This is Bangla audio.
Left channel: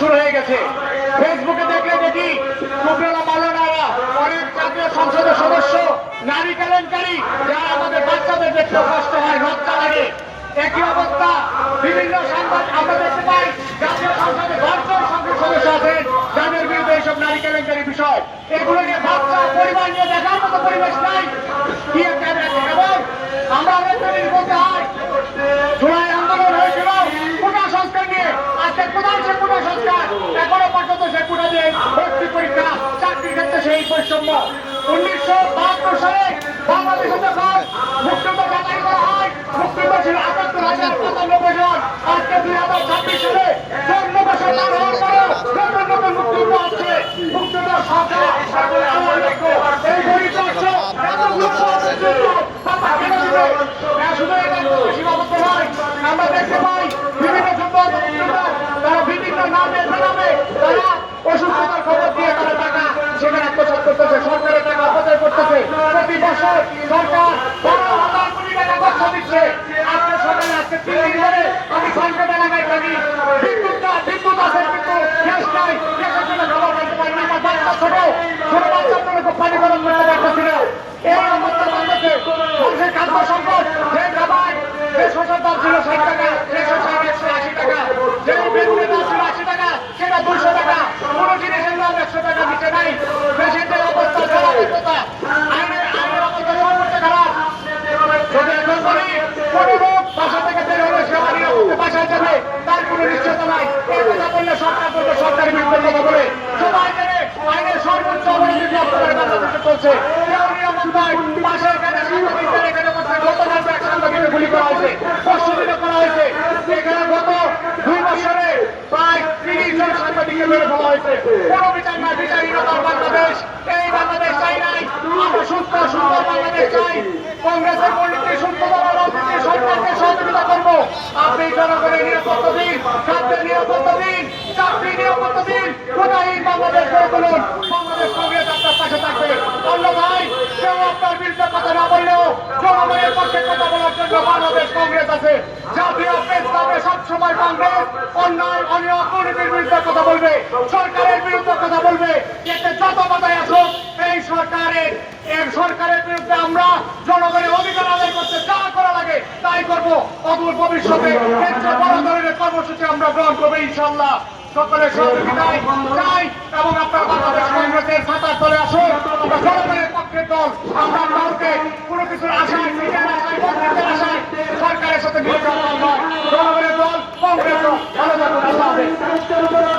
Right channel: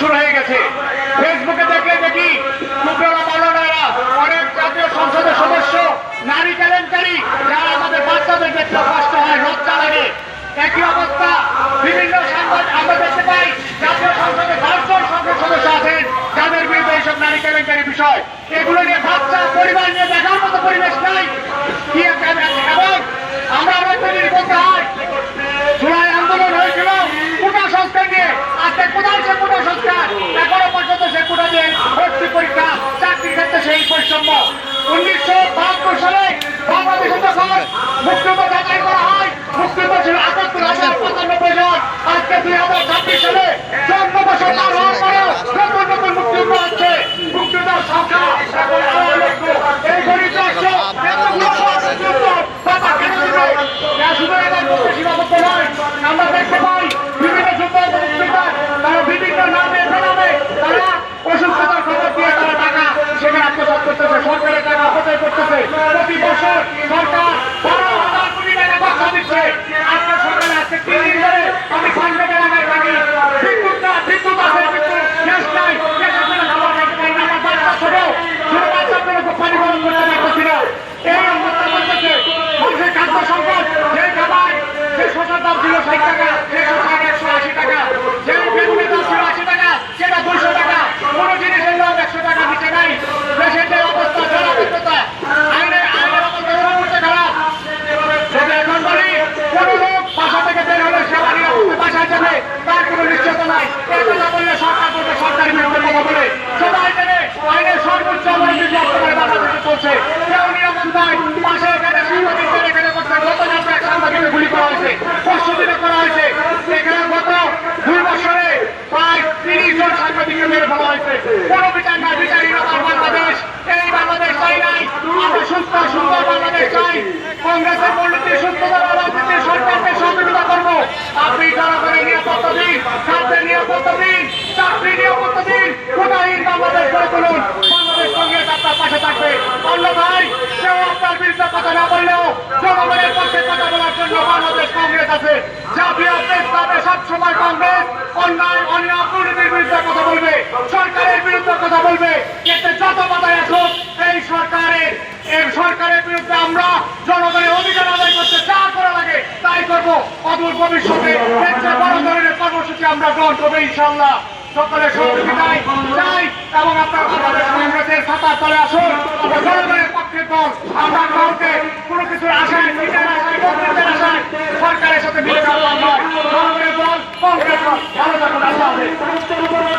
শুরু হয়ে গেছে। ফেসবুকে দেখলে দেখি টুকরা মাওলানারা, অনেক জাতীয় সংসদের সদস্য, নারী কেলেঙ্কারি, যারা আমাদের বাচ্চাদের দেখতে কষ্ট হয়, লজ্জা লাগে। একই অবস্থা বিভিন্ন সাংবাদিক আমরা দেখতে পাই, জাতীয় সংসদে 10 জন সংসদ সদস্য আছেন যাদের বিরুদ্ধে এইসব নারী কেলেঙ্কারি বিষয়। এগুলো নিয়ে বাচ্চা পরিবার নিয়ে দেখার মতো পরিবেশ নাই। কি এবং আমরা অনেক বলতে হয়, জুলাই আন্দোলন হয়েছিল কোটা সংস্কার নিয়ে। আজকে কোথায় সে কোটা সংস্কার? এখনো পর্যন্ত সে কোটা দিয়ে ভর্তি পরীক্ষা, চাকরির ক্ষেত্রে সেই বৈষম্য। 1972 সালে বাংলাদেশে যখন মুক্তিযুদ্ধ যাচাই করা হয়, মুক্তিযুদ্ধ ছিল ৭৮,০৯৫ জন। আজকে 2026 সালে 14 বছর পার হওয়ার পরেও নতুন নতুন মুক্তিযুদ্ধ আছে। মুক্তিযুদ্ধের সংখ্যা এই গরিব রাষ্ট্র সীমাবদ্ধ নয়। আমরা দেখতে পাই বিভিন্ন তারা বিভিন্ন নামে বেনামে তারা অসুস্থতার খবর দিয়ে তারা টাকা সেখানে আত্মসাৎ করতেছে, সরকারের টাকা অপচয় করতেছে। প্রতি বছর সরকার 12,000 কোটি টাকা খরচা দিচ্ছে। আজকে সরকার আজকে 3 দিন ধরে আমি ঘন্টা এলাকায় থাকি, বিদ্যুৎ আছে কিন্তু গ্যাস নাই, গ্যাসের জন্য খাবার খাইতে পারি না। আমার বাচ্চা ছোট ছোট বাচ্চার জন্য পানি গরম করতে পারতেছি না। এই অবস্থা বলতেছে মানুষের খাদ্য সংকট। যে খাবার যে শসার দাম ছিল 60 টাকা, যে শসা 180 টাকা, যে বেগুনের দাম ছিল 80 টাকা, সেটা 200 টাকা। কোনো জিনিসের দাম 100 টাকার নিচে নাই। দেশের যে অবস্থা, জলাবদ্ধতা, আইনের অবস্থা সবচেয়ে খারাপ। যদি এখন বলি কোনো লোক বাসা থেকে বের হলে সেবা নিরাপত্তা বাসায় যাবে, তার কোনো নিশ্চয়তা নাই। এই কথা বললে সরকার বলবে সরকারি বিরুদ্ধে কথা বলে। সবাই জানে আইনের সর্বোচ্চ অবনতি বর্তমানে বাংলাদেশে চলছে। কেউ নিরাপদ নয়। পাশে এখানে সাংবাদিকদের এখানে করছে, গতকাল এক সাংবাদিককে গুলি করা হয়েছে, পরশুদিনে করা হয়েছে। এখানে গত 2 বছরে প্রায় 30 জন সাংবাদিককে মেরে ফেলা হয়েছে। কোনো বিচার নাই। বিচারহীনতার বাংলাদেশ, এই বাংলাদেশ চাই নাই। আমরা সুস্থ সুন্দর বাংলাদেশ চাই। কংগ্রেসের মূলনীতি সুস্থতার রাজনীতি সরকারকে সহযোগিতা করবো। আপনি জনগণের নিরাপত্তা দিন, খাদ্যের নিরাপত্তা দিন, চাকরি নিরাপত্তা দিন, কোটাহীন বাংলাদেশ গড়ে তুলুন। বাংলাদেশ কংগ্রেস আপনার পাশে থাকবে। অন্যথায় কেউ আপনার বিরুদ্ধে কথা না বললেও জনগণের পক্ষে কথা বলার জন্য বাংলাদেশ কংগ্রেস আছে। জাতীয় প্রেস ক্লাবে সবসময় কংগ্রেস অন্যায় অনিয়ম দুর্নীতির বিরুদ্ধে কথা বলবে, সরকারের বিরুদ্ধে কথা বলবে। এতে যত বাধাই আসুক এই সরকারের বিরুদ্ধে আমরা জনগণের অধিকার আদায় করতে যা করা লাগে তাই করবো। অদূর ভবিষ্যতে এর চেয়ে বড় ধরনের কর্মসূচি আমরা গ্রহণ করবো ইনশাআল্লাহ। সকলের সহযোগিতায় চাই এবং আপনার বাংলাদেশ কংগ্রেসের ছাতার তলে আসুন। আমরা জনগণের পক্ষের দল। আমরা কাউকে কোনো কিছুর আশায়, নিজের আশায়, কংগ্রেসের আশায় সরকারের সাথে মিলে যাওয়ার নয়। জনগণের দল, কংগ্রেস দল। ভালো থাকুন। আল্লাহ হাফেজ।